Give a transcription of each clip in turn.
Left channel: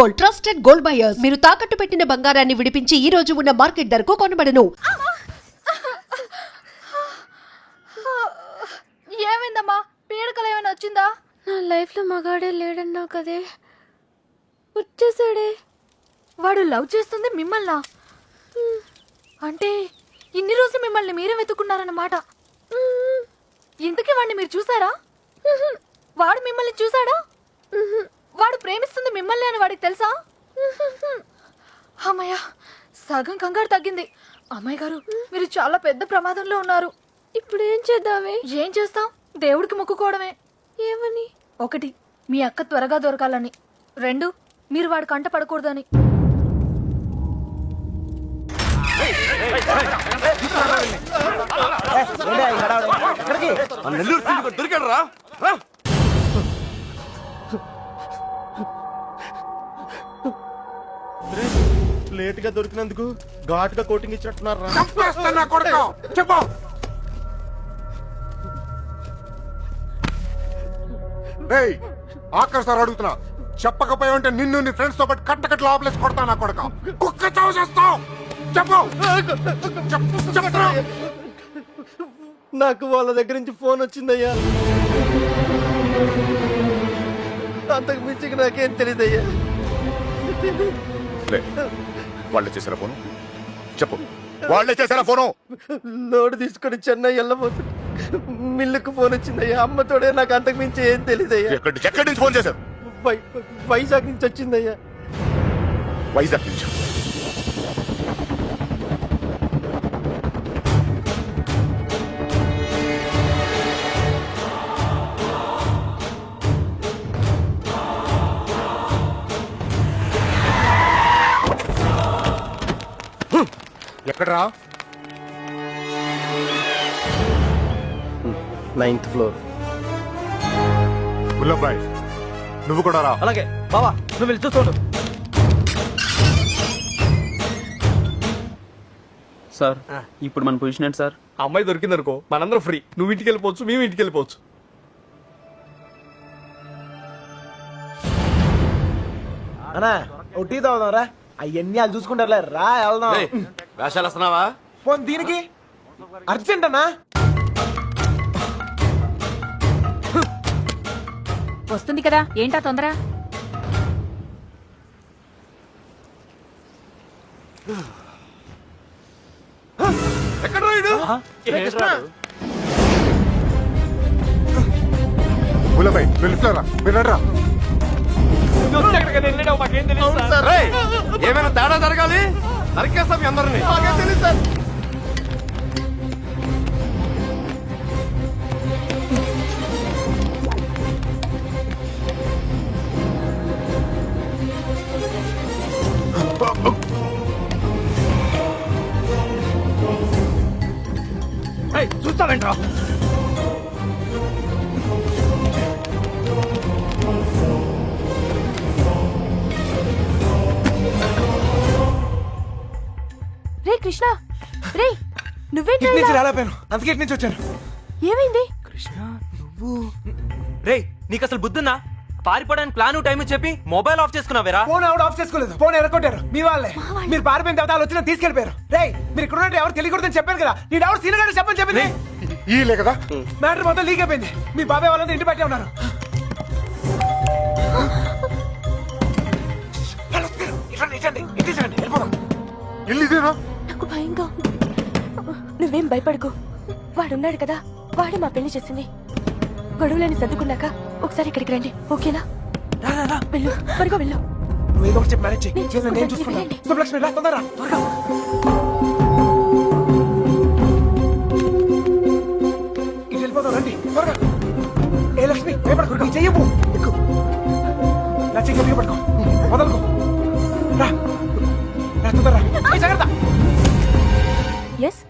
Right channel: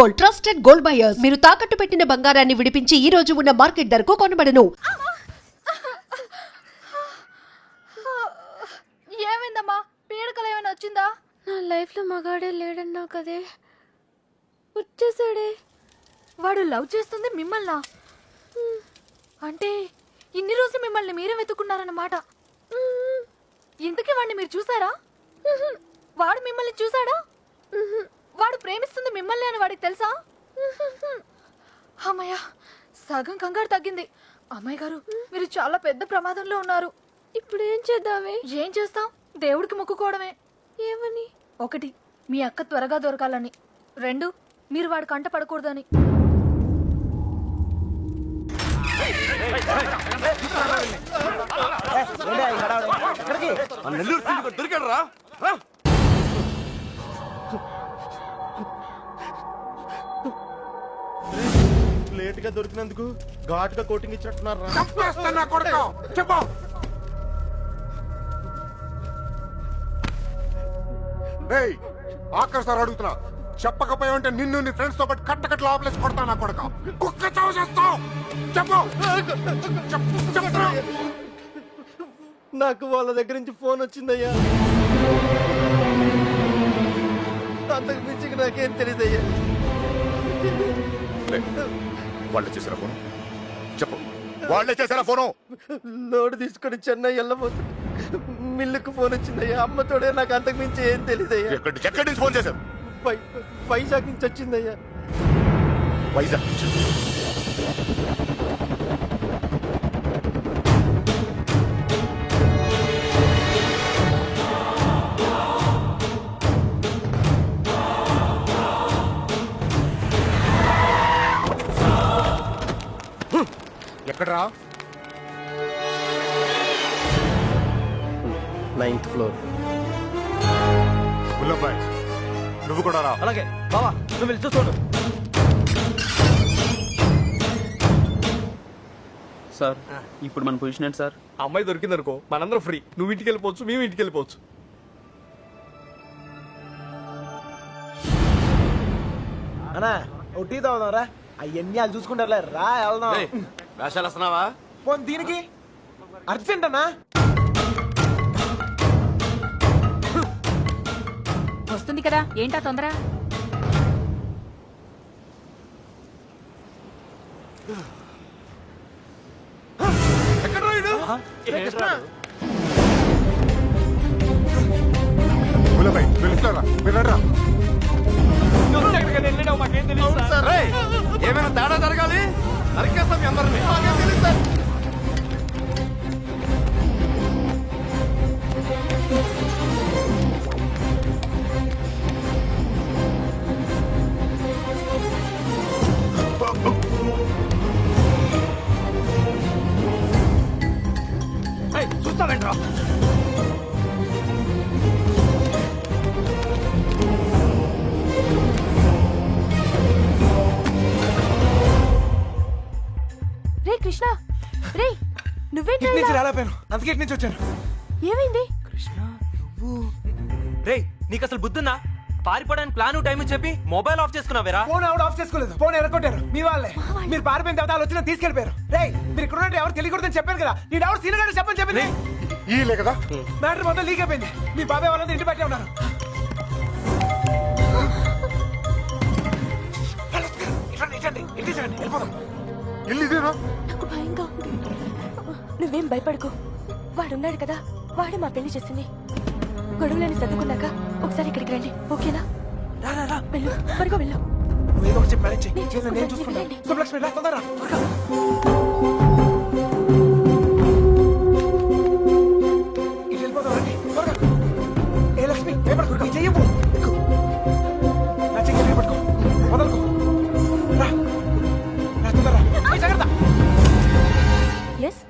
Gold, trusted gold buyers. మీరు తాకట్టు పెట్టిన బంగారాన్ని విడిపించి ఈ రోజు ఉన్న మార్కెట్ ధరకు కొనబడను. ఏమైందమ్మా? పీడకలు ఏమైనా వచ్చిందా? నా లైఫ్ లో మగాడే లేడన్నా కదే, వచ్చేసాడే. వాడు లవ్ చేస్తుంది మిమ్మల్నా? అంటే ఇన్ని రోజులు మిమ్మల్ని మీరే వెతుకున్నారన్నమాట. ఇంతకీ వాడిని మీరు చూసారా? వాడు మిమ్మల్ని చూసాడా? వాడు ప్రేమిస్తుంది మిమ్మల్ని అని వాడికి తెలుసా? అమ్మయ్య, సగం కంగారు తగ్గింది. అమ్మాయి గారు, మీరు చాలా పెద్ద ప్రమాదంలో ఉన్నారు. ఇప్పుడు ఏం చేద్దామే? ఏం చేస్తాం? దేవుడికి మొక్కుకోవడమే. ఏమని? 1, మీ అక్క త్వరగా దొరకాలని. 2, మీరు వాడి కంట పడకూడదని. దొరికాడరా? లేట్ గా దొరికినందుకు ఘాటుగా కోటింగ్ ఇచ్చినట్టున్నారా? చెప్పు. ఆఖరి సార్ అడుగుతున్నా, చెప్పకపోయా ఉంటే నిన్ను నీ ఫ్రెండ్స్ తో పాటు కట్టకట్లు ఆపలేసి కొడతా నా కొడక. కుక్క చావు చేస్తావు. చెప్పు. నాకు వాళ్ళ దగ్గర నుంచి ఫోన్ వచ్చిందయ్యా. అంతకు మించి నాకేం తెలియదయ్యా. వాళ్ళే చేశారా ఫోను? చెప్పు, వాళ్ళే చేశారా ఫోను? లోడ్ తీసుకొని చెన్నై వెళ్ళబోతుంది. మిల్లుకు ఫోన్ వచ్చిందయ్యా. అమ్మతోడే, నాకు అంతకు మించి ఏం తెలియదయ్యా. ఎక్కడి నుంచి ఫోన్ చేశారు? వైజాగ్ నుంచి వచ్చిందయ్యా. వైజాగ్ నుంచి? ఎక్కడరా? 9th floor. ముల్లబ్బాయ్, నువ్వు కూడా రా. అలాగే బావా, నువ్వు వెళ్ళి చూసుకోండు. సార్ ఇప్పుడు మన పొజిషన్ ఏంటి సార్? అమ్మాయి దొరికిందనుకో మనందరం ఫ్రీ. నువ్వు ఇంటికి వెళ్ళిపోవచ్చు, మేము ఇంటికి వెళ్ళిపోవచ్చు. అన్నా టీ తాగుదాంరా. అవన్నీ వాళ్ళు చూసుకుంటారులే, రా వెళ్దాం. వేషాలు వస్తున్నావా? పోనీ దీనికి అర్జెంట్ అన్నా. వస్తుంది కదా, ఏంటా తొందర? ఎక్కడ రాయుడు? ముల్లబ్బాయ్, వెళ్ళిస్తారా? వెళ్ళరా. ఏమైనా తేడా జరగాలి, నరికేస్తాం మీ అందరినీ. తెలియదు సార్. చూస్తావేంట్రా? రే కృష్ణ, రే నువ్వేంటి ఇటు నుంచి రాలేపోయాను, అందుకే ఇటు నుంచి వచ్చాను. ఏమైంది? రేయ్, నీకు అసలు బుద్ధున్నా? పారిపోవడానికి ప్లాన్ టైం చెప్పి మొబైల్ ఆఫ్ చేసుకున్నావేరా? ఫోన్ ఆవిడ ఆఫ్ చేసుకోలేదు, ఫోన్ ఎరగొట్టారు మీ వాళ్ళే. మీరు పారిపోయిన తర్వాత వాళ్ళు వచ్చిన తీసుకెళ్లిపోయారు. రే మీరు ఇక్కడ ఉన్నట్టు ఎవరు తెలియకూడదని చెప్పాను కదా. నీ ఎవరు సీనియర్ గారు చెప్పని చెప్పింది. ఈలే కదా మ్యాటర్ మొత్తం లీక్ అయిపోయింది. మీ బాబాయ్ వాళ్ళంతా ఇంటి బయటే ఉన్నారు. ఇల్లు ఇదేనా? నాకు భయంగా ఉంది. నువ్వేం భయపడకు, వాడున్నాడు కదా, వాడే మా పెళ్లి చేసింది. గొడవలని సర్దుకున్నాక ఒకసారి ఇక్కడికి రండి, ఓకేనా? వెళ్ళు, త్వరగా వెళ్ళు. నువ్వు ఏదో ఒకటి చెప్పి మేనేజ్ చేయి. నేను చూసుకుంటాను, చూసుకుంటాను. వెళ్ళండి. శుభలక్ష్మి రా, తొందరగా త్వరగా. ఇటు వెళ్ళిపోతాం, రండి త్వరగా. ఏ లక్ష్మి భయపడకు, నీ చెయ్యవు. ఎక్కు, నా చెయ్యి గట్టిగా పట్టుకో, వదలుకో. రా రా, తొందరగా. జాగ్రత్త. ఎస్,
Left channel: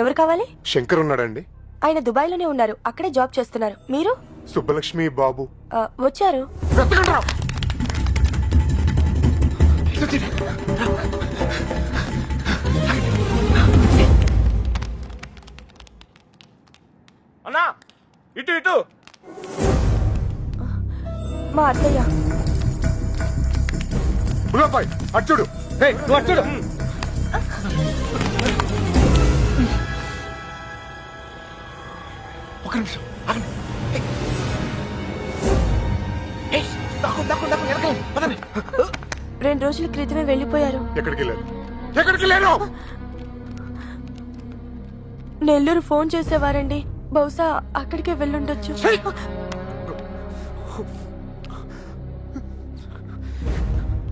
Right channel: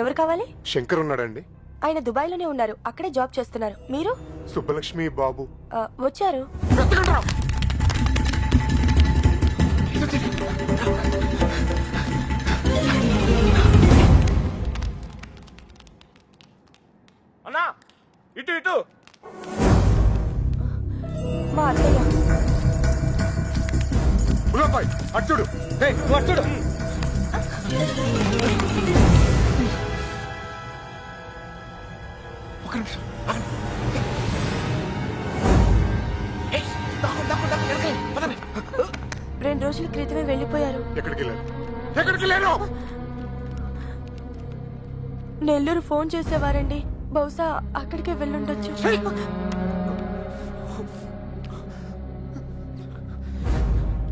ఎవరు కావాలి? శంకర్ ఉన్నాడండి? ఆయన దుబాయ్లోనే ఉన్నారు, అక్కడే జాబ్ చేస్తున్నారు. మీరు? సుబ్బలక్ష్మి బాబు వచ్చారు. వెతకండిరా. అన్నా ఇటు ఇటు. మా అత్తయ్య. బుల్లబాయ్ అచ్చుడు. నువ్వు అచ్చుడు. ఒక నిమిషం ఆగండి. దాక్కు వెనకాల పదండి. 2 రోజుల క్రితమే వెళ్ళిపోయారు. ఎక్కడికి వెళ్ళారు? ఎక్కడికి వెళ్ళారు? నెల్లూరు ఫోన్ చేసేవారండి. బహుశా అక్కడికే వెళ్ళుండొచ్చు.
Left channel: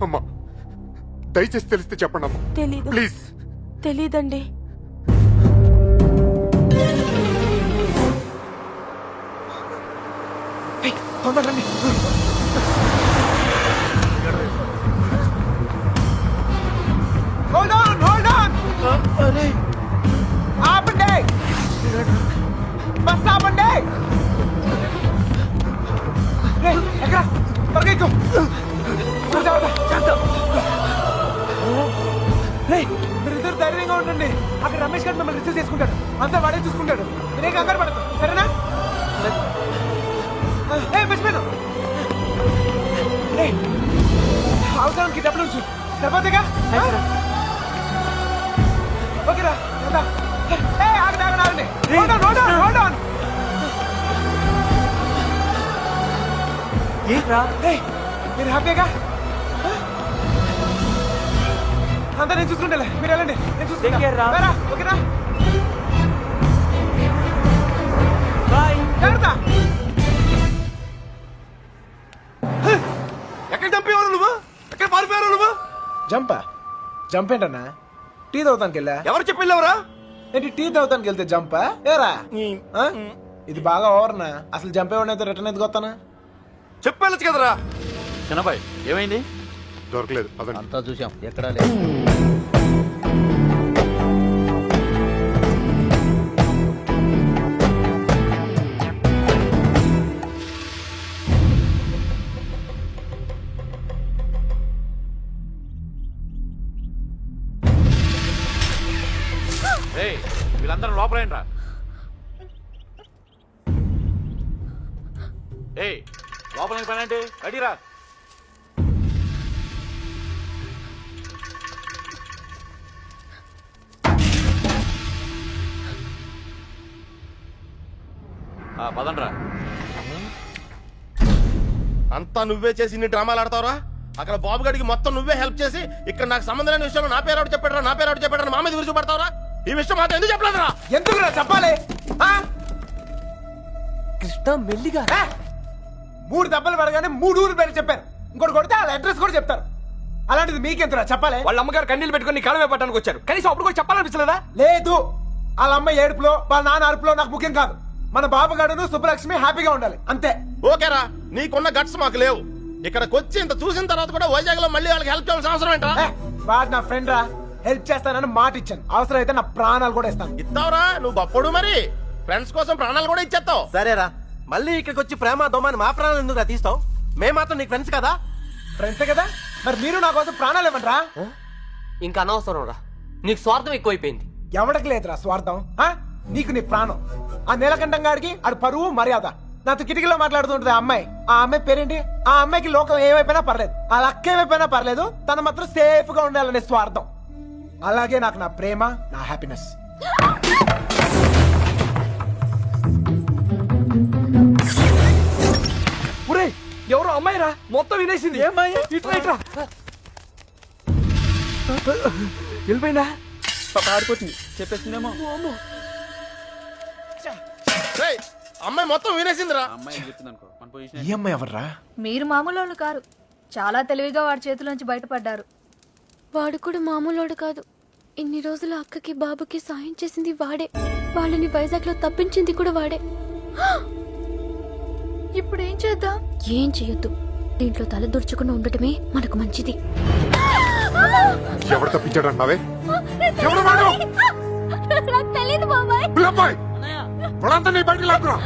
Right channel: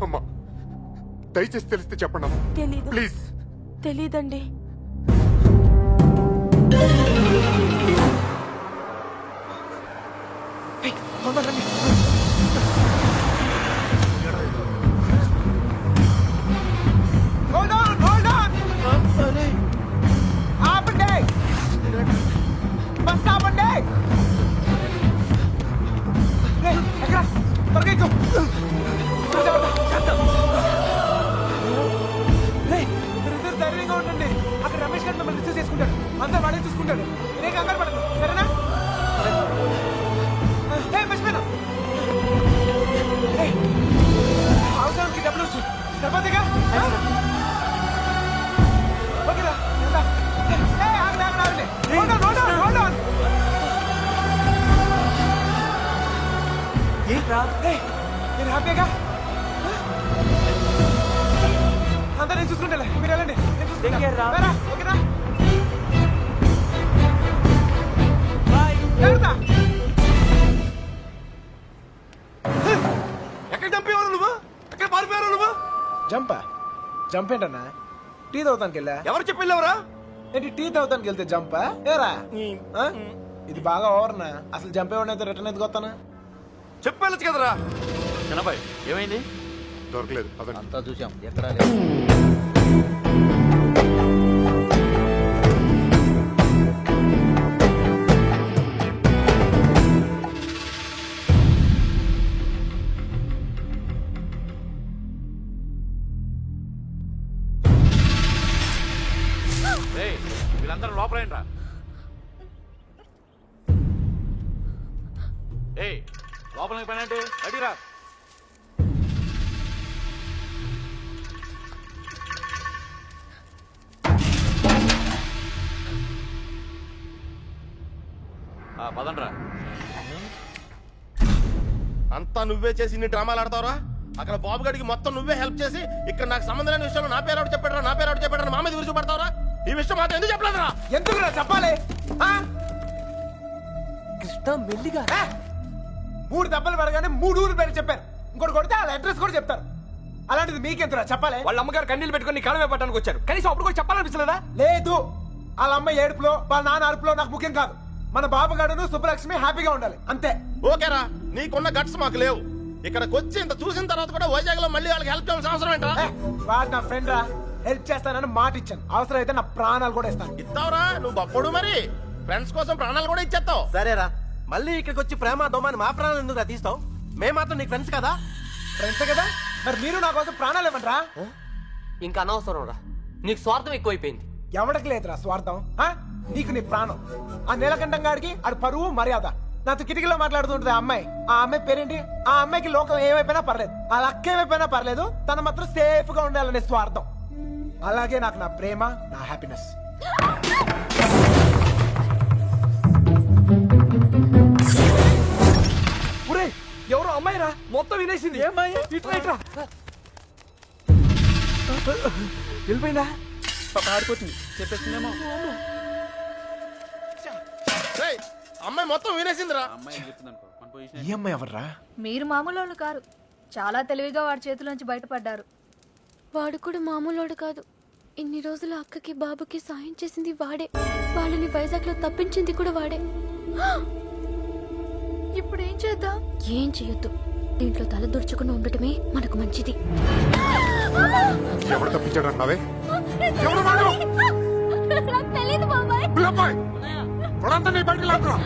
అమ్మా దయచేసి తెలిస్తే చెప్పండి అమ్మా తెలీదు. ప్లీజ్. తెలీదండి. తొందర రండి. Hold on, hold on. ఆపండి. బస్ ఆపండి. రేయ్, ఎక్కడ? త్వరగా ఎక్కు. రేయ్, మీరిద్దరు ధైర్యంగా ఉండండి. అక్కడ రమేష్ గారు మిమ్మల్ని రిసీవ్ చేసుకుంటాడు. అంతా వాడే చూసుకుంటాడు. మీరే కంగారు పడదు, సరేనా? మర్చిపోయాను. అవసరానికి డబ్బులు ఉంచు, సరిపోతేగా? ఓకేరా, ఆగండి. Hold on. ఏంట్రా? మీరు హ్యాపీగా? అంతా నేను చూసుకుంటాలే, మీరు వెళ్ళండి. నేను Take care రా. చూసుకుంటా. ఓకేనా? బాయ్. జాగ్రత్త. ఎక్కడ చంపేవారు నువ్వు? ఎక్కడ పారిపోయారు నువ్వు? జంప్ ఏంటన్నా? టీ తాగుతానికి వెళ్ళా. ఎవరు చెప్పి వెళ్ళావురా? ఏంటి టీ తాగుతానికి వెళ్తే జంపా? ఏరా ఆ? ఇది బాగా ఓవర్నా. అసలు జంపేవాడినైతే రిటర్న్ ఎందుకు వస్తానా? చెప్పెళ్ళచ్చు కదరా. చిన్నబాయ్ ఏమైంది? దొరకలేదు అదండి. అంతా చూసాం, ఎక్కడా లేదు. వీళ్ళందరూ లోపలేంట్రా. లోపలికి పని అంటే అడిరా. పదండ్రా. అంతా నువ్వే చేసి ఇన్ని డ్రామాలు ఆడతావురా? అక్కడ బాబు గడికి మొత్తం నువ్వే హెల్ప్ చేసి ఇక్కడ నాకు సంబంధం లేని విషయంలో నా పేరు చెప్పాడు మా మీద విరుచుపడతావురా? ఈ విషయం మాత్రం ఎందుకు చెప్పలేదురా? ఎందుకురా చెప్పాలి? కృష్ణ మెల్లిగా. 3 దెబ్బలు పడగానే 3 ఊరు పేరు చెప్పారు. ఇంకోటి కొడితే వాళ్ళ అడ్రస్ కూడా చెప్తారు. అలాంటిది మీకెంతరా చెప్పాలి? వాళ్ళ అమ్మగారు కన్నీళ్ళు పెట్టుకుని కాలమే పట్టడానికి వచ్చారు. కనీసం అప్పుడు కూడా చెప్పాలనిపించలేదా? లేదు, వాళ్ళ అమ్మ ఏడుపులో వాళ్ళ నాన్న అరుపులో నాకు ముఖ్యం కాదు. మన బాబుగాడును సుబ్బలక్ష్మి హ్యాపీగా ఉండాలి అంతే. ఓకేరా, నీకున్న గట్స్ మాకు లేవు. ఇక్కడికి వచ్చి ఇంత చూసిన తర్వాత కూడా వైజాగ్ లో మళ్ళీ వాళ్ళకి హెల్ప్ చేయాల్సిన అవసరం ఏంటా? వాడు నా ఫ్రెండ్ రా, హెల్ప్ చేస్తానని మాట ఇచ్చాను. అవసరం అయితే నా ప్రాణాలు కూడా ఇస్తాను. ఇస్తావురా నువ్వు గొప్పడు. మరి ఫ్రెండ్స్ కోసం ప్రాణాలు కూడా ఇచ్చేస్తావు. సరేరా, మళ్ళీ ఇక్కడికి వచ్చి ప్రేమ దోమని మా ప్రాణాలు ఎందుకు తీస్తావు? మేము మాత్రం నీకు ఫ్రెండ్స్ కదా. ఫ్రెండ్స్ కదా, మరి మీరు నా కోసం ప్రాణాలు ఇవ్వండిరా. ఇంకా అనవసరం రా, నీకు స్వార్థం ఎక్కువైపోయింది. ఎవడికి లేదురా స్వార్థం. నీకు నీ ప్రాణం. ఆ నీలకంఠం గారికి ఆడు పరువు మర్యాద. నాతో కిటికీలో మాట్లాడుతుంటది ఆ అమ్మాయి. ఆ అమ్మాయి పేరేంటి? ఆ అమ్మాయికి లోకం ఏమైపోయినా పర్లేదు, ఆ లక్క ఏమైపోయినా పర్లేదు, తన మాత్రం సేఫ్ గా ఉండాలనే స్వార్థం. అలాగే నాకు నా ప్రేమ, నా హ్యాపీనెస్. ఎవరో అమ్మాయి రా, మొత్తం వినేసింది. ఇట్లా వెళ్ళిపోయిందా? ఆడిపోతుంది చెప్పేసిందేమో. రేయ్, అమ్మాయి మొత్తం వినేసిందిరా. అమ్మాయి చెప్తుంది అనుకో మన పొజిషన్. ఈ అమ్మాయి ఎవర్రా? మీరు మామూలు వాళ్ళు కారు. చాలా తెలివిగా వాడి చేతిలోంచి బయటపడ్డారు. వాడు కూడా మామూలోడు కాదు. ఇన్ని రోజులు అక్కకి బాబుకి సాయం చేసింది వాడే. వాళ్ళని వైజాగ్ లో తప్పించింది కూడా వాడే. ఇప్పుడు ఏం చేద్దాం? ఏం చెయ్యొద్దు. దీంట్లో తల దుర్చుకుని ఉండటమే మనకు మంచిది. ఎవరు తప్పించాడు అన్నావే? ఎవరు వాడు? నాకు తెలియదు బాబాయ్. బుల్లబాయ్ వాడంతా నీ బయటికి లాక్కురా.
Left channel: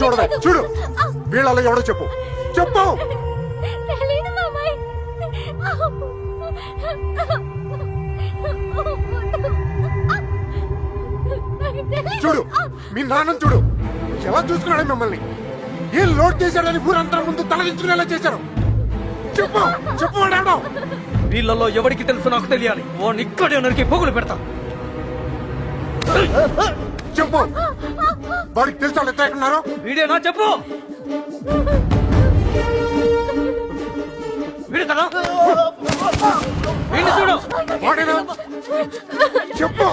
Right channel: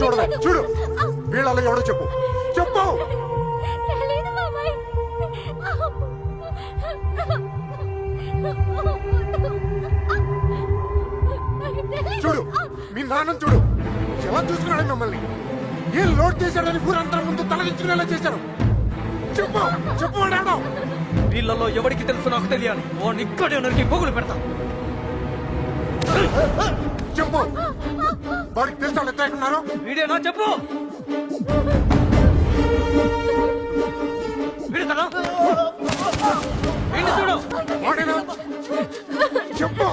చూడవే చూడు, వీళ్ళలో ఎవడో చెప్పు చెప్పు. తెలీదు బాబాయ్. చూడు మీ నాన్న చూడు ఎలా చూసుకున్నాడు మిమ్మల్ని ఏం లోడ్ చేశాడని ఊరంతా ముందు తలదించుకునేలా చేశారు. చెప్పు చెప్పు వాడాడు. వీళ్ళల్లో ఎవరికి తెలుసు నాకు తెలియాలి. వాడిని ఇక్కడే నరికి పొగులు పెడతా. చెప్పు వాడికి తెలుసా వాళ్ళు ఎక్కడ ఉన్నారో? వీడేనా చెప్పు. వీడు కదా వీడిని చూడు. వాడేనా చెప్పు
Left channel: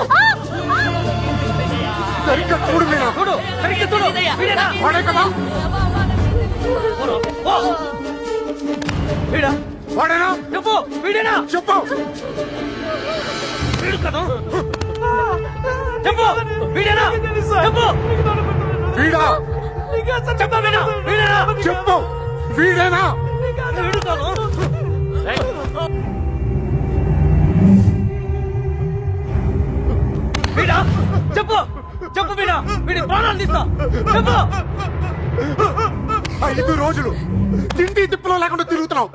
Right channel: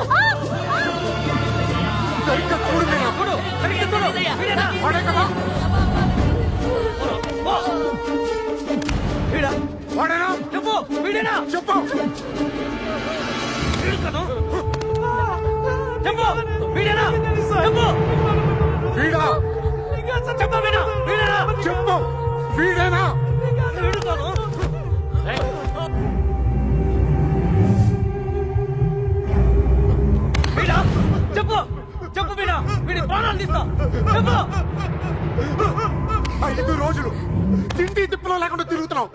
సరిగ్గా చూడు మీనా. చూడు సరిగ్గా చూడు. వీడేనా వాడే కదా వీడా వాడేనా చెప్పు. వీడేనా చెప్పు వీడు కదా చెప్పు. వీడేనా చెప్పు. వీడా చెప్పు వీడా. వీడేనా చెప్పు వీడేనా వీడు కాదు. వీడా చెప్పు. చెప్పు వీడా. వీడి ప్రాణాలు తీస్తా. చెప్పు. 5 రోజులు తిండి తిప్పులో లేకుండా తిరుగుతున్నావు.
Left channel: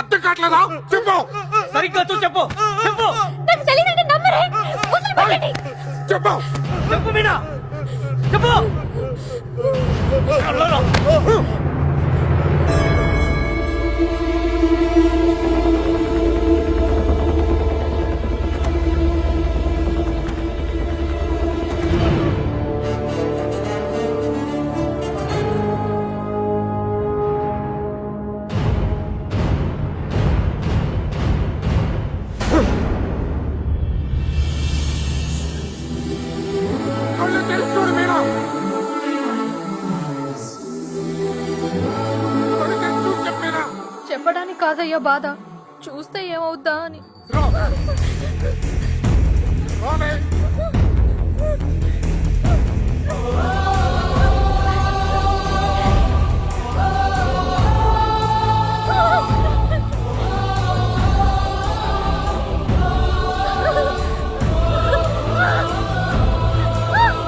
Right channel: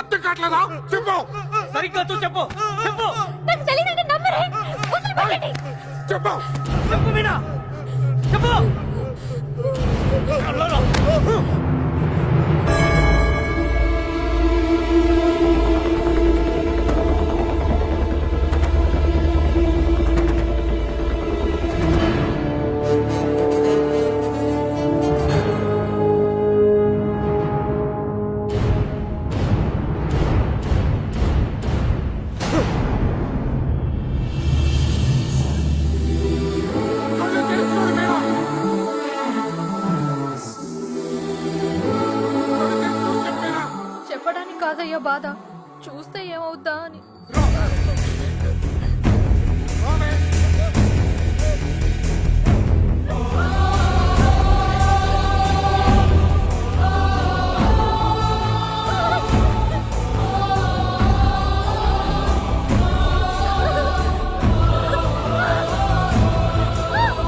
అర్థం కావట్లేదా? చెప్పు సరిగ్గా చూసి చెప్పు. చెప్పు. చెప్పు చెప్పు వీడా. చెప్పు. కళ్ళు తెరిచి చూడు మీనా. కళ్ళు తెరిచి చూసి చెప్పేనా. చెప్పడానికి కాదయ్యా బాధ, చూస్తే ఏమవుద్దా అని. రావే.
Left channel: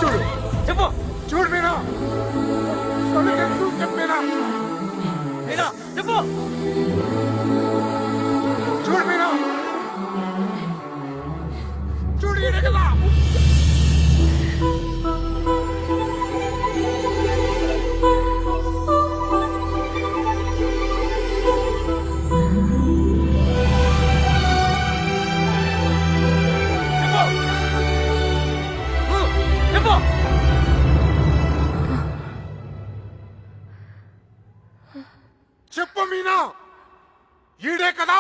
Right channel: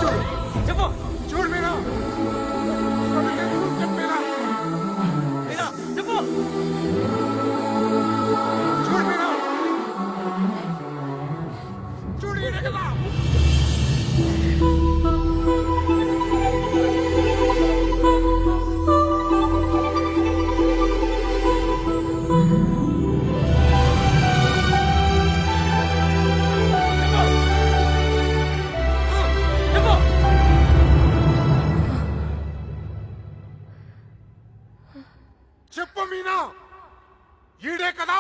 చూడు చెప్పు. చూడు మీనా. కళ్ళు తెరిచి చూసి చెప్పేనా. వీడా చెప్పు. చూడు మీనా. చూడు ఈడే కదా. చెప్పు. చెప్పు మీనా. ఈడే కదా.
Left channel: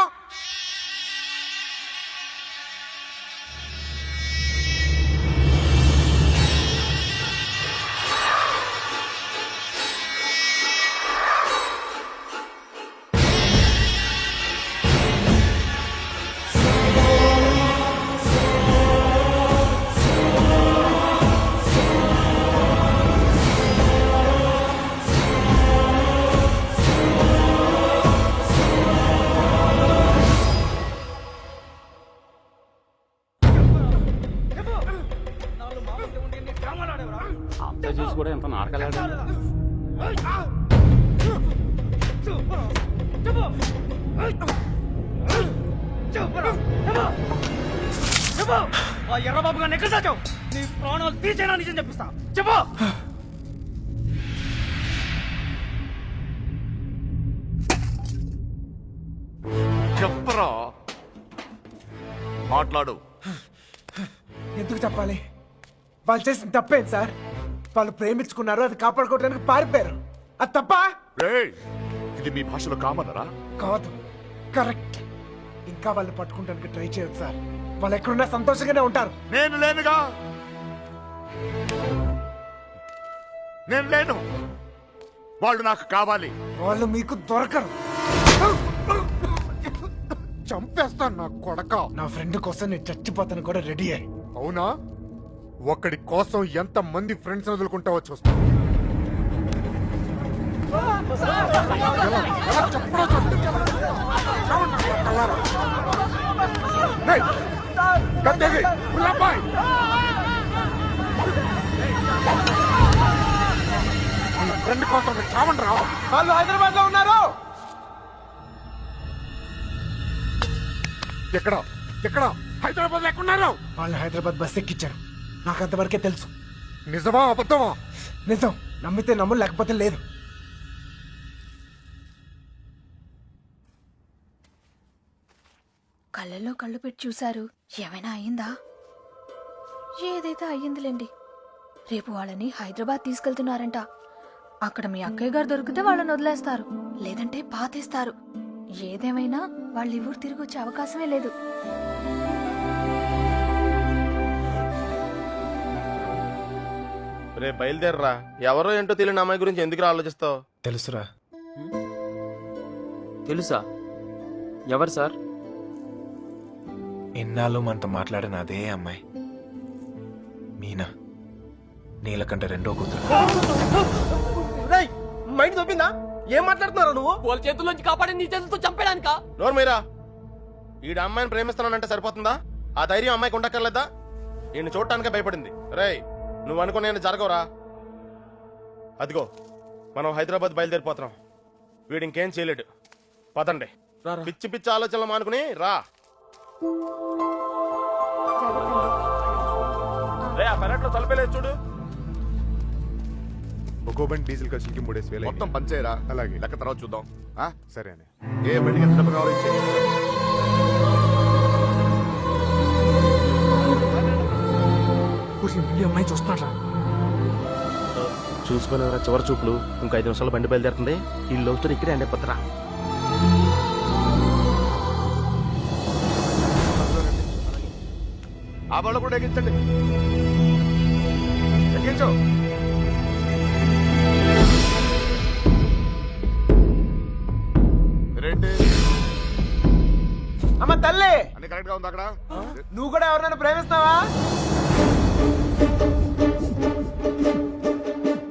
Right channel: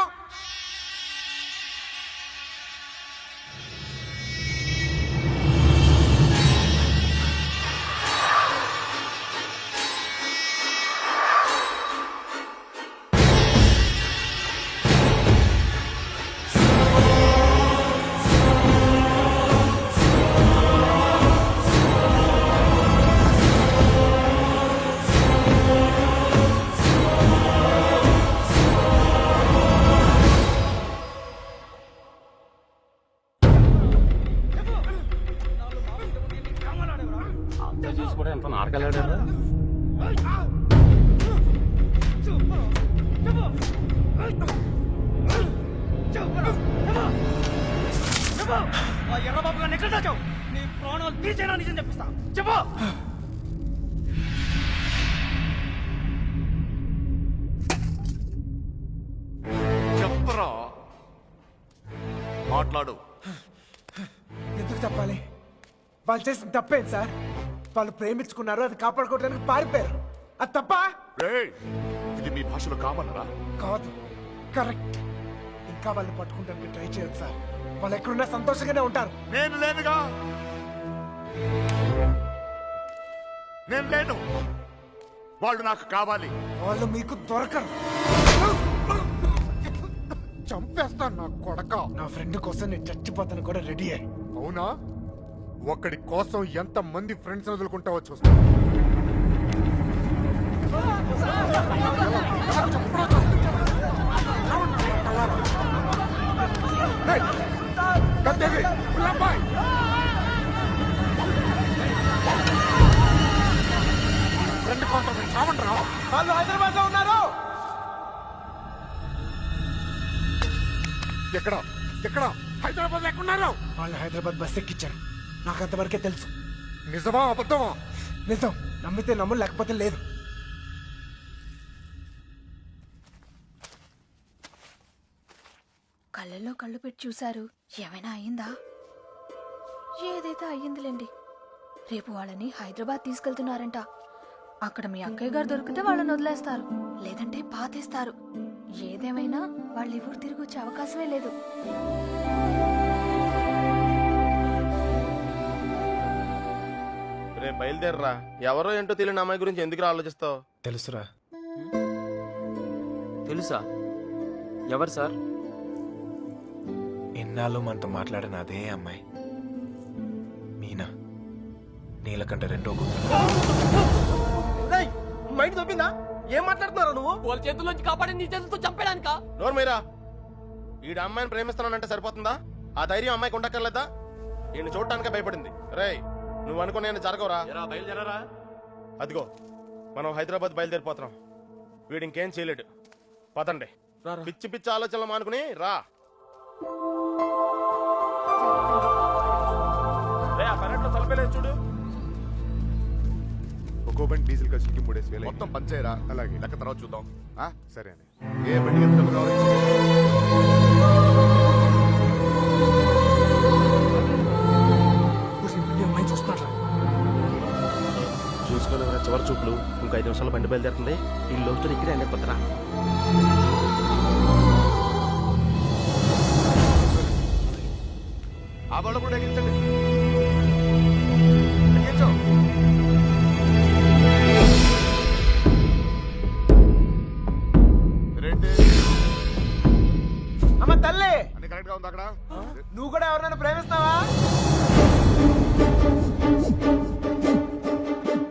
అంతా చూసి కూడా ఎంత నాటకాలు ఆ ఎర్రబాబు గారిని ఎక్కడ దాచావు? నీ ప్రాణాలు తీసేనా నిజం చెప్పిస్తా. చెప్పు. చెప్పరా మాట్లాడు. ఎందుకు చెప్పాలి? వాళ్ళు చేసిన తప్పేంటి సార్? వాళ్ళు ప్రేమించుకున్నారు, అది కాపాడుకోవడానికి పారిపోయారు. అది తప్ప ఇది మీ భాషలో కామన్నరా? కాదు, కరెక్ట్. ఇంకా వాళ్ళు పట్టుకుంటానికి ట్రై చేయొచ్చు సార్. వాళ్ళు ఎక్కడున్నా సంతోషంగానే ఉంటారు. నేను లేనుగా. నేను లేను. వాళ్ళు నాకు కావాలి. వాళ్ళు మీకు దొరకరు. చంపేస్తాను నా కొడక. నా ఫ్రెండ్ కోసం నేను చచ్చిపోతాను కూడా రెడీ అయ్యి. అవునా? ఒక్కడి కోసం ఎంత మంది ఫ్రెండ్స్ వదులుకుంటావో చూస్తా. ఫ్రెండ్ కోసం చావండి రా. వాళ్ళు హైదరాబాద్ లో ఉన్నారు. ఎక్కడ ఎక్కడ హైదరాబాద్ ఎక్కడున్నారు? వాళ్ళు హైదరాబాద్ బస్ ఎక్కించారు. నాకు అంతవరకే తెలుసు. నిజమా అబద్ధమా? నిజం. నమ్మితే నమ్ము, లేకపోతే లేదు. కళ్ళల్లో కళ్ళు పెట్టి చూశారు. ఏమైనా అయ్యిందా? ఏదైతే అయ్యిందిలేండి. రేపు వాళ్ళని హైదరాబాద్ తీసుకెళ్తున్నారంట. అక్కడ మీ అక్కయ్య గారు దొరికితే వాళ్ళని వదిలేస్తారు, లేదంటే పాతేస్తారు. ఏదేమైనా వాళ్ళు ఈ ఊరు తిరిగి వచ్చే అవకాశమే లేదు. రే బయలుదేరరా. ఎవరో ఏంటో తెలియని అమ్మాయి గురించి ఎందుకు ఆలోచిస్తావు? తెలుసురా. తెలుసా? ఎవరు సార్? ఎన్నాళ్ళు మనతో మాట్లాడిన అదే అమ్మాయి మీనా, నీలకంఠ రెండో కూతురు. మైండ్ దొబ్బిందా? ఏం మాట్లాడుతున్నారా నువ్వు? వాళ్ళ చేతుల్లోంచి కాపాడి నీ చేతులతో చంపేడానికా? నోరు మీరా. ఈడ అమ్మాయిని ప్రేమిస్తున్నానంటే సరిపోతుందా? ఆ ధైర్యం అమ్మాయికి ఉండక్కర్లేదా? ఈయన చూడటానికే భయపడింది. రేయ్, నువ్వు అనుకునే జరగవురా. అదిగో మనం హైదరాబాద్ బయలుదేరిపోతున్నాం. వీడు ఇంకేం చేయలేడు. పదండి. పిచ్చి పిచ్చి ఆలోచనలు మానుకుని రా. రే, ఆ పెరట్లో తలపేలేదు చూడు. ఒక్కో బండి డీజిల్ ఖర్చులకి 3,000 మొత్తం పంచేరా. అలాగే లెక్క తర్వాత చూద్దాం. సరే అని. ఏ బండికి ఎంత డబ్బు కావాలో ఇచ్చేయ్. ఈ అమ్మాయి చూస్తున్నారా? చూసుకోలేవరా చివరి చూపులు. ఇంకో 5 నిమిషాలు బండి బయలుదేరుతుంది. ఈ లవ్ స్టోరీ ఇక్కడే అండి పత్రా. ఆ బాళ్ళు కూడా ఎక్కించండి. ఎక్కించు. రేంటి అమ్మ తల్లి, అన్ని కరెక్ట్ గా ఉంది అక్కడ? నువ్వు కూడా ఎవరినైనా ప్రేమిస్తావా?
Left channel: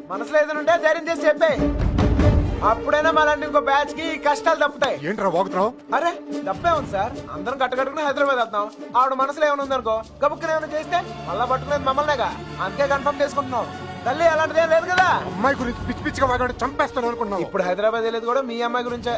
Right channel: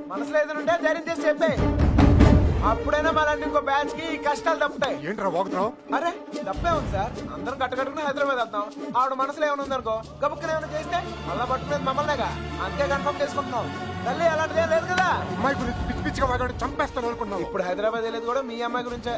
మనసులో ఏదైనా ఉంటే ధైర్యం చేసి చెప్పే. అప్పుడైనా మళ్ళీ ఇంకో బ్యాచ్ కి ఈ కష్టాలు తప్పుతాయి. ఏంట్రా వాగుతున్నావు? అరే తప్పే ఉంది సార్. అందరం కట్టుకట్టుకుని హైదరాబాద్ వెళ్తాం. ఆవిడ మనసులో ఏమైనా ఉందనుకో, గబుక్కున ఏమైనా చేస్తే మళ్ళా పట్టుకునేది మమ్మల్నేగా. అందుకే కన్ఫర్మ్ చేసుకుంటున్నాం. తల్లి అలాంటిదేం లేదు కదా. అమ్మాయి గురించి పిచ్చి పిచ్చిగా వాగాడు, చంపేస్తాను అనుకున్నావు. ఇప్పుడు హైదరాబాద్ వెళ్ళేది కూడా మీ అమ్మాయి గురించే.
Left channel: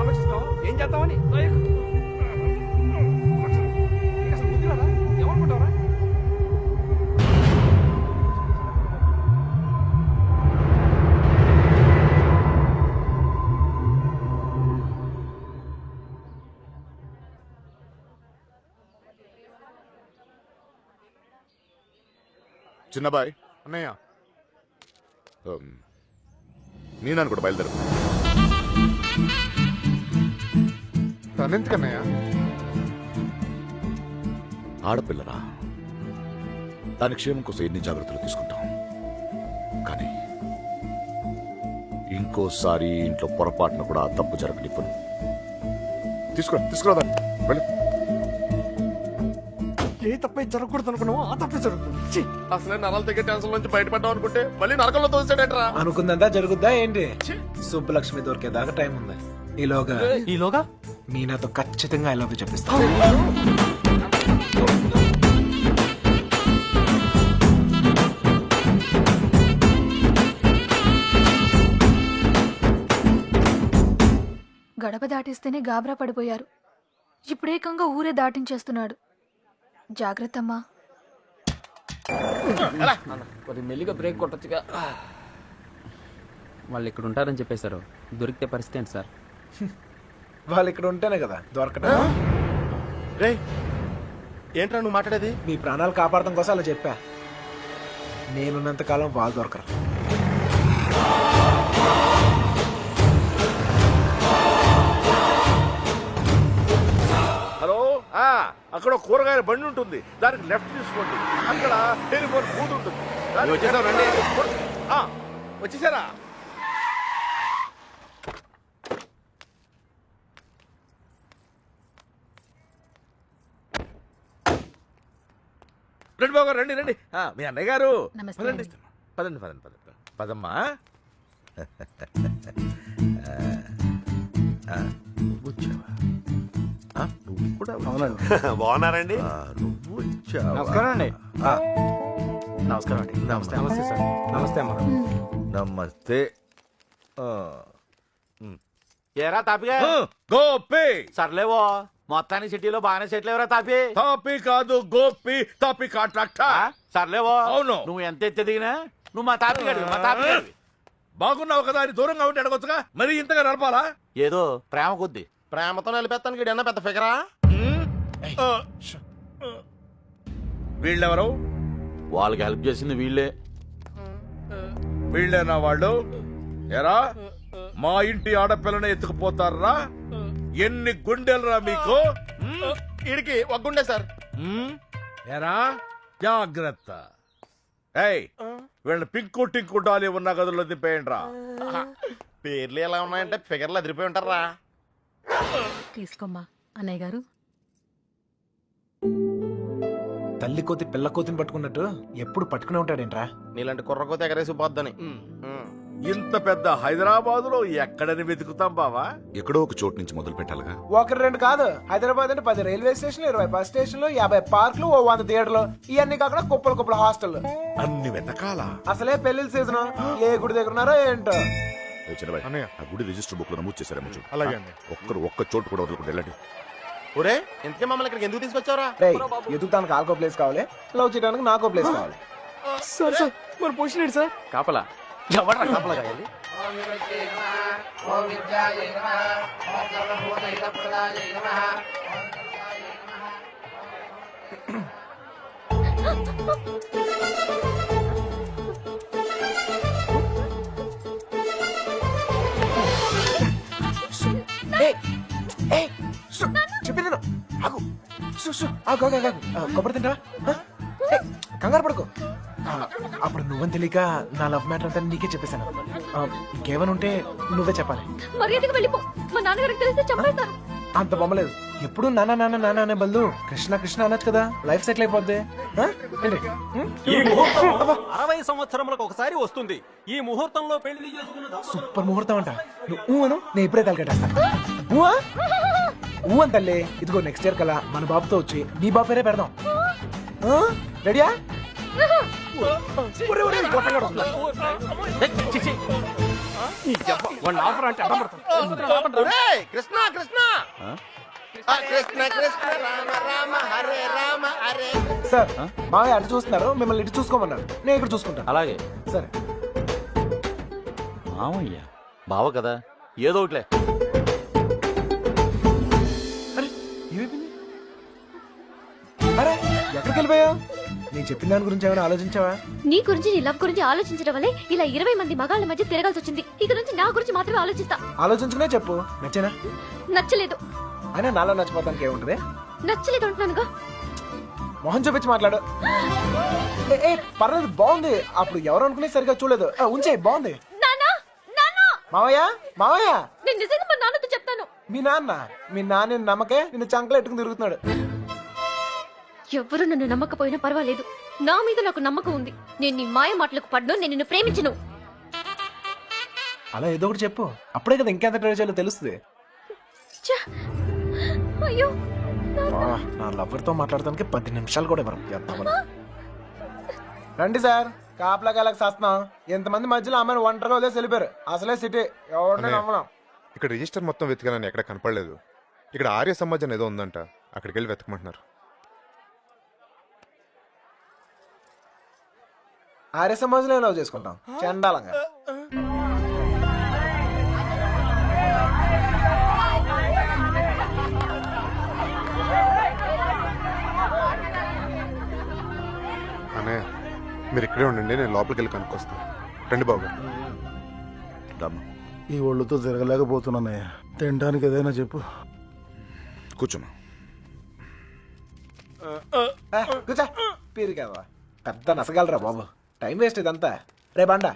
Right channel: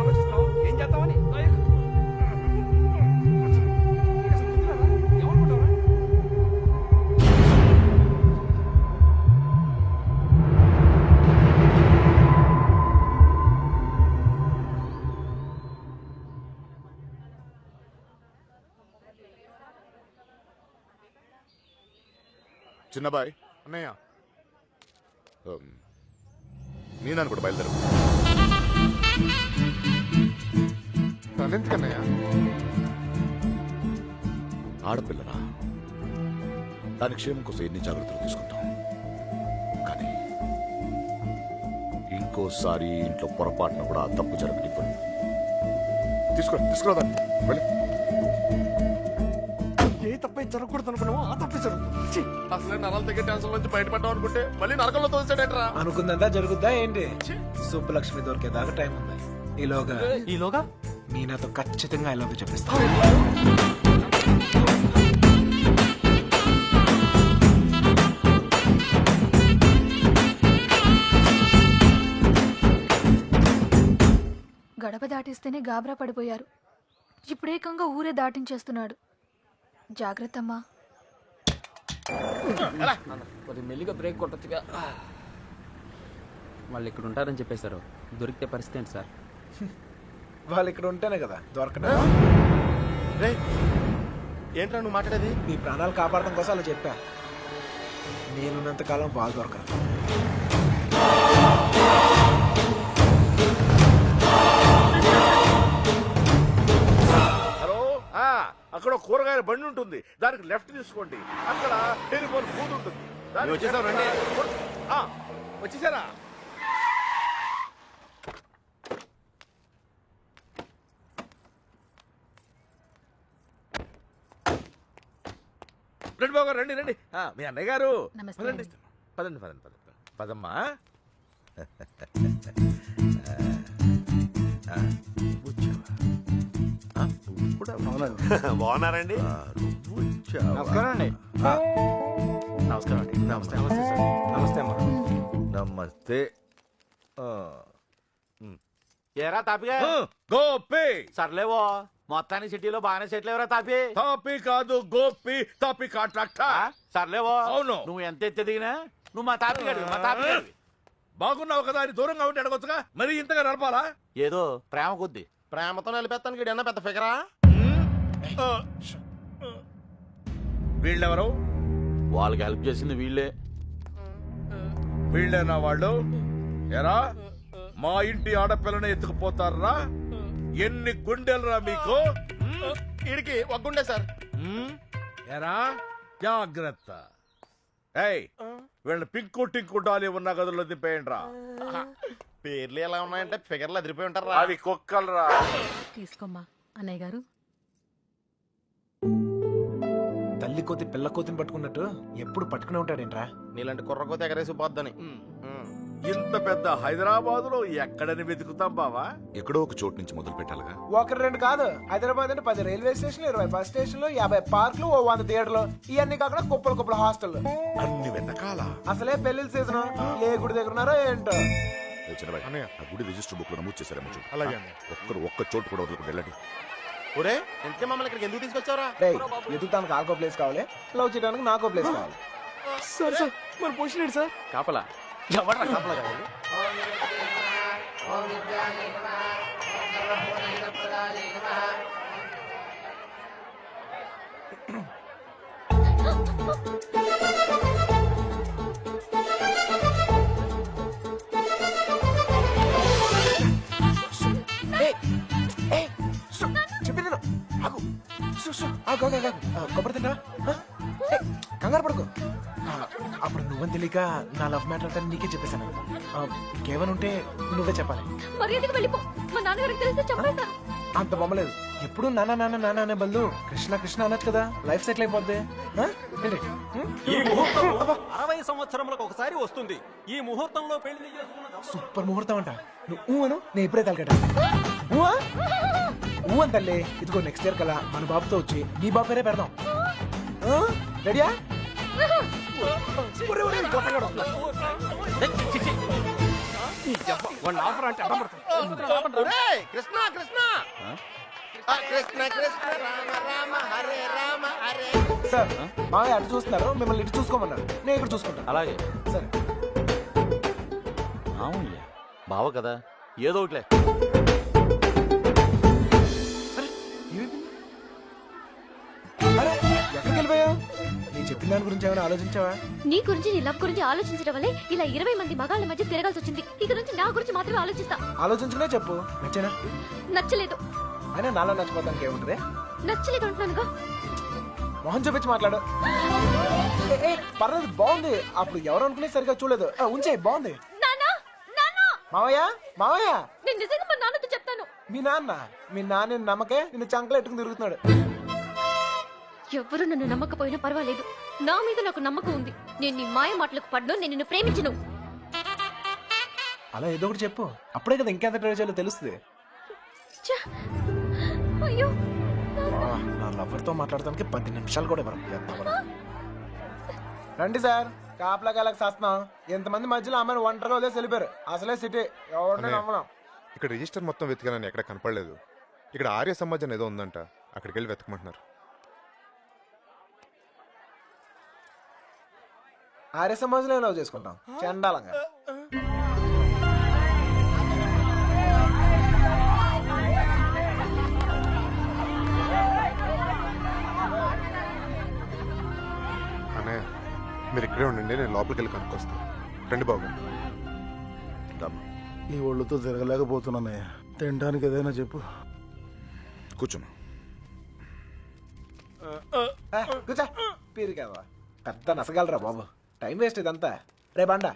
ఆలోచిస్తావు ఏం చేద్దామని? ఎవరుకుంటావరా? చిన్నబాయ్ అన్నయ్య, నేను కూడా బయలుదేరు. తనెందుకన్నయ్య? ఆడపిల్లరా, దాని క్షేమం కోసం ఎన్ని జాగ్రత్తలు తీసుకుంటాం. కానీ ఇంకోసారి ఇంట్లో పొరపాటున కూడా ఆ తప్పు జరగనివ్వను. తీసుకురా దాన్ని. వెళ్ళు. ఏ తప్పే జరగకూడదు అనుకున్నావో ఆ తప్పే జరుగుతుంది. అసలే నరాలు తగ్గే టెన్షన్ నుంచి బయటపడ్డాం అనుకుంటే మళ్ళీ నరకంలో తోసాడేట్రా. అనుకుందంతా జరుగుద్దా ఏంటి? సుబ్బలక్ష్మి దొరికేదాకా టైం ఉంది. ఈలోగా మీనాతో ఖచ్చితంగా ఐ లవ్ యూ చెప్పిస్తా. గడప దాటిస్తేనే గాబరా పడిపోయారు. ఇప్పుడేకంగా ఊరే దాటించేస్తున్నాడు. జాగ్రత్తమ్మా. కొద్ది మెల్లిగా బ్రేక్ కొట్టొచ్చుగా. వాళ్ళు ఇక్కడ ఉంటారని చెప్పేశారు. దొరికితే పరిస్థితి ఏంటి సార్? వాళ్ళు ఇక్కడ ఉంటేనే కదా దొరకడం. రే, ఏంట్రా నువ్వు మాట్లాడేది? మీ ప్రాణాలు కాపాడటం కోసం అలా చెప్పా. నేనున్నంత కాలం వాళ్ళు దొరకరు. హలో, అక్కడ కూరగాయల బండి ఉంటుంది, దానికి లెఫ్ట్ తీసుకోండి. అక్కడ టెలిఫోన్ బూత్ ఉంటుంది. వచ్చేసావు రండి. వచ్చేసారా? రండి బాబు రండి రండి. మీ అన్నయ్య గారు నమస్తే పదండి అండి. పదండి పదండి పదండి పదమ్మా. నువ్వు కూడా బాగున్నారండి? నువ్వు వచ్చావా? నమస్కారం అండి. నమస్కారం అండి నమస్తే నమస్తే సార్ నమస్తే అమ్మా నమస్తే ఏరా తాపిగా గోపి సర్లేవో మొత్తానికి సిటీలో బాగానే సెటిల్ ఎవరా తాపి తాపి కాదు గోపి తాపి కాంట్రాక్టర్ సర్లేవో అవును. నువ్వు ఎంత ఎత్తి దిగినా నువ్వు మా తాపి గడివి మా తాపి గడివి బాగున్నావు కదా అని దూరంగా ఉంటే అడగొచ్చుగా మరి ఇంతగా నడపాలా ఏదో ప్రేమ కొద్ది ప్రేమతో నిలిపేస్తానికి ఈడన్నా పెద్ద ఫిగరా వీళ్ళెవరు వాళ్ళకి హెల్ప్ చేసింది వీళ్ళే వీళ్ళేనా వాళ్ళు ఎరా మా ఇంటి ఆడపిల్లని ఎత్తుకుపోతారా ఎన్ని గుండెలరా మీకు ఈడికి ఒగ్గుండే సార్ ఎరా జాగ్రత్త ఏయ్ వీళ్ళ పింకు టింకు డాలి ఉన్న గదుల్లో దింపేయండి రా పేర్లు ఎలా ఉన్నాయంటే ఫిగర్లు అదిరిపోయి ఉంటారా కుక్కలరా తీసుకోమ్మా అన్నయ్య గారు. తల్లి కోతి పిల్ల కోతిని పట్టుకున్నట్టు ఎప్పుడు పట్టుకునే ఉంటాడేంట్రా నీలాంటి కుర్రకోతే ఎగరేసి పోద్దని ఇంత పెద్ద హైదరాబాద్ లో ఎక్కడని వెతుకుతాం బావా ఎక్కడో ఒక చోటు నుంచి మొదలు పెట్టాలిగా. ఒకటి రెండు కాదు హైదరాబాద్ అంటే 10 రైల్వే స్టేషన్లు 20 బస్ స్టేషన్లు 50 పార్కులు 100 థియేటర్లు ఇవన్నీ కాకుండా కుప్పల హాస్టల్. అన్ని వెతకాలా? అసలే పెళ్లిళ్ళ సీజన్ ఏ గుడి దగ్గర ఉన్నారో ఏంటో. ఆ గుడి రిజిస్టర్ బుక్ లో నమోదు చేశారేమో చూడు. అలాగే ఒక్క చోటు కూడా వదలకుండా వెళ్ళండి. ఒరే ఇంతకీ మమ్మల్ని ఇక్కడికి ఎందుకు తీసుకొచ్చావరా రేయ్ ఎదుగుతానికి ఆల్కో ప్లేస్ కావాలి, లవ్ చేయడానికి నాకో ప్లేస్ కావాలి. సార్ సార్ మన పొజిషన్ ఏంటి సార్? కాపలా ఎవడరా కాపలా కావాలి చెప్పింది ఆగు ఆగు ఆగు ఆగు. కొబ్బరి తింటా కంగారు పడుకో. అప్పుడు నువ్వని తెలియక నా లవ్ మ్యాటర్ అంతా నీకే చెప్పేశాను. ఇంకేమైనా ఉంటే నువ్వే చెప్పాలి. మర్యాదగా వెళ్ళిపో, మా నాన్నగారికి తెలిస్తే చంపేస్తారు. అంత బొమ్మలేదు. ఎప్పుడు నాన్న నాన్న నాన్న అనే బదులు కృష్ణ కృష్ణ అనొచ్చు కదా, లైఫ్ సెటిల్ అయిపోద్ది. ఏంటి? ఈ ముహూర్తం 60 సంవత్సరములకు ఒకసారి వస్తుంది. ఈ ముహూర్తంలో పెళ్లి చేసుకున్న సూపర్ ముహూర్తం అంట. నువ్వు అను, నేను ఇప్పుడే తలకట్టేస్తాను. ఊ అని తల్లి. ఇదిగో నెక్స్ట్ ఇయర్ కల్లా మన బాబుతో వచ్చి నీ బాబు పేరే పెడదాం. రెడీయా? కృష్ణ కృష్ణ కృష్ణ కృష్ణ రామ రామ హరే రామ హరే. సార్ మావయ్య అటు చూస్తున్నారు, మిమ్మల్ని ఇటు చూసుకోమన్నారు. నేను ఇక్కడ చూసుకుంటాను. అలాగే సరే. మామయ్య బావ కదా ఏదో ఒకట్లే. అరే ఏమైపోయింది? అరే ఎక్కడికి వెళ్ళిపోయావు? నీ చెప్పిన దాని గురించి ఏమైనా ఆలోచించావా? నీ గురించి నీ లవ్ గురించి ఆలోచించడం వల్లే ఇలా 20 మంది మగాళ్ళ మధ్య తిరగాల్సి వచ్చింది. ఇక నుంచి నా గురించి మాత్రమే ఆలోచిస్తా. ఆలోచించుకునే చెప్పు. నచ్చేనా? నచ్చలేదు. అయినా నాలో నచ్చిపోతానికి ఏముంటది? నచ్చలేదు అంటున్నానుగా. మొహం చూపించి మాట్లాడు. ఏ పర్లేదు, బాగుంది. అప్పుడు ఎవరు అనుకునే సరిగా చూడలేదు. ఉంచే బాగుంది. నాన్నా నాన్నా మావయ్య మావయ్య నేను నిజంగా మా నాన్నతో చెప్తాను. మీ నాన్న నమ్మకే నిన్ను చంకలు ఎట్టుకుని తిరుగుతున్నాడు. ఎవ్వరు నన్ను నమ్మకపోయినా పర్వాలేదు, నా మీద నాకు నమ్మకం ఉంది. నేను నీ మాయ మాటలకు పడ్ను, నేను నిన్ను ప్రేమించను. అలా ఏదో ఒకటి చెప్పు, అప్పుడే కదా ఇంకెంత ట్రై చేయాలో తెలుస్తుంది. ఛ! అయ్యో నా లవర్ తో మాట్లాడటానికి 10 నిమిషాలు కూడా ఇవ్వరు. రండి సార్, కాపలా కాలకు చేస్తున్నాం. ఎంతమంది మధ్యలో అమ్మాయిని ఒంటరిగా వదిలేసి వెళ్ళిపోయారు. అసలే సిటీ ఎవరిని నమ్మడం. ఇక్కడ రిజిస్టర్ మొత్తం వెతికానని ఎక్కడ కనపడలేదు. ఇక్కడ ఆర్య సమాజం ఏదో ఉందంట, అక్కడికి వెళ్ళి వెతకమంటున్నారు. ఆర్య సమాజంలో లవ్ చేసుకుంటాం చండాలంగా. అన్నయ్య మీరు ఇక్కడే ఉండండి, నేను లోపలికి వెళ్ళి కనుక్కొస్తాను. రండి బాబు. ఈ ఒళ్ళుతో తిరగలేకపోతున్నానయ్యా. తినడానికి ఏదైనా చెప్పు. కూర్చోమా. కూర్చో. పీరికావా పెద్ద నసగలరా బాబు. టైం వేస్ట్ ఇదంతా. రే బండ